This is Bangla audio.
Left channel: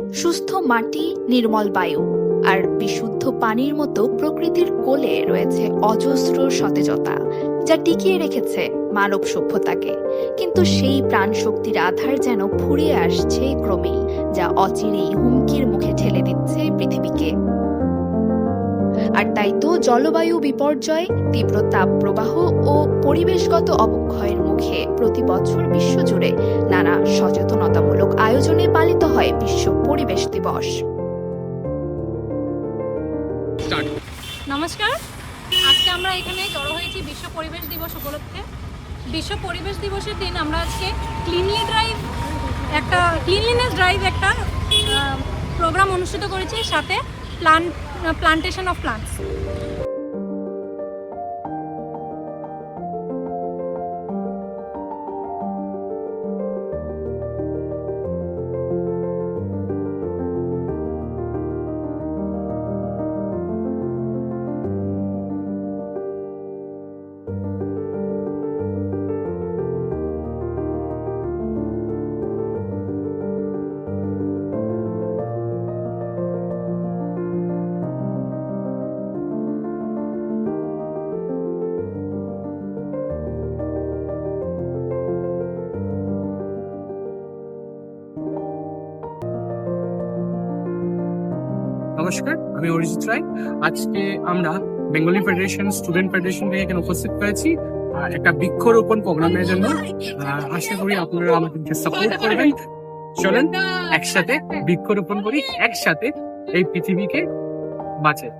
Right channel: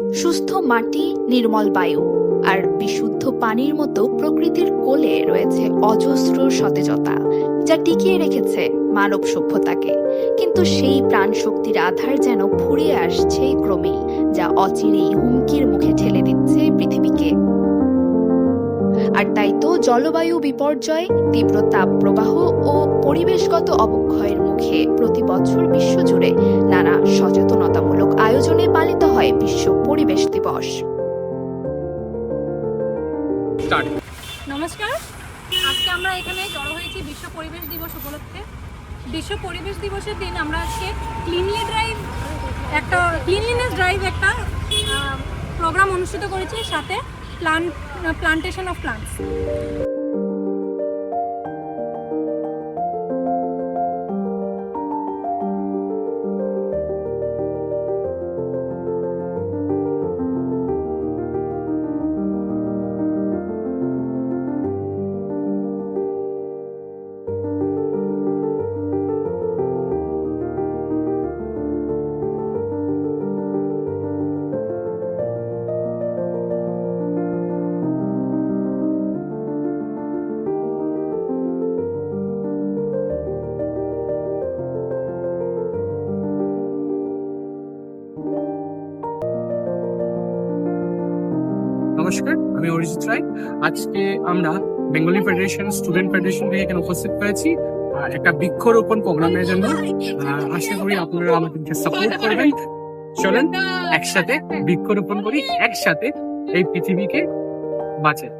সুস্থ মাটি, নির্মল বায়ু আর বিশুদ্ধ পানির মতো প্রকৃতির কোলে রয়েছে অজস্র সতেজতা, যা টিকিয়ে রেখেছে মানব সভ্যতাকে। কিন্তু সেই প্রাণশক্তির আধার যেন ফুরিয়ে আসছে ক্রমেই, যা অচিরেই হুমকির মুখে ঠেলে দিচ্ছে পৃথিবীকে। আর তাই তো জলবায়ু বিপর্যয়, তীব্র তাপপ্রবাহ ও পরিবেশগত অবক্ষয়ের মুখে প্রতি বছর বিশ্বজুড়ে নানা সচেতনতামূলক আয়োজনে পালিত হয় বিশ্ব পরিবেশ দিবস। নমস্কার, আজকে আমরা এখানে জড়ো হয়েছি বিশ্ব পরিবেশ দিবস উপলক্ষে। বিশ্ব পরিবেশ দিবসের দিন আমরা আজকে ক্লিনলিনেস ড্রাইভ একটা প্রোগ্রাম অনুষ্ঠিত করেছি, সাথে প্লান্টেশন অফ প্লান্টস। নমস্কার, আমি অরিজিৎ রায়। আজকে আমরা বেঙ্গলি ফেডারেশন স্টুডেন্ট ফেডারেশন থেকে এখানে উপস্থিত হয়েছি একটা বৃক্ষরোপণ প্রোগ্রামের জন্য। আশা করি আপনারা আমাদেরকে সাপোর্ট করবেন। চলেন একসাথে বৃক্ষরোপণ করি, একসাথে এই পৃথিবীকে বাঁচাই।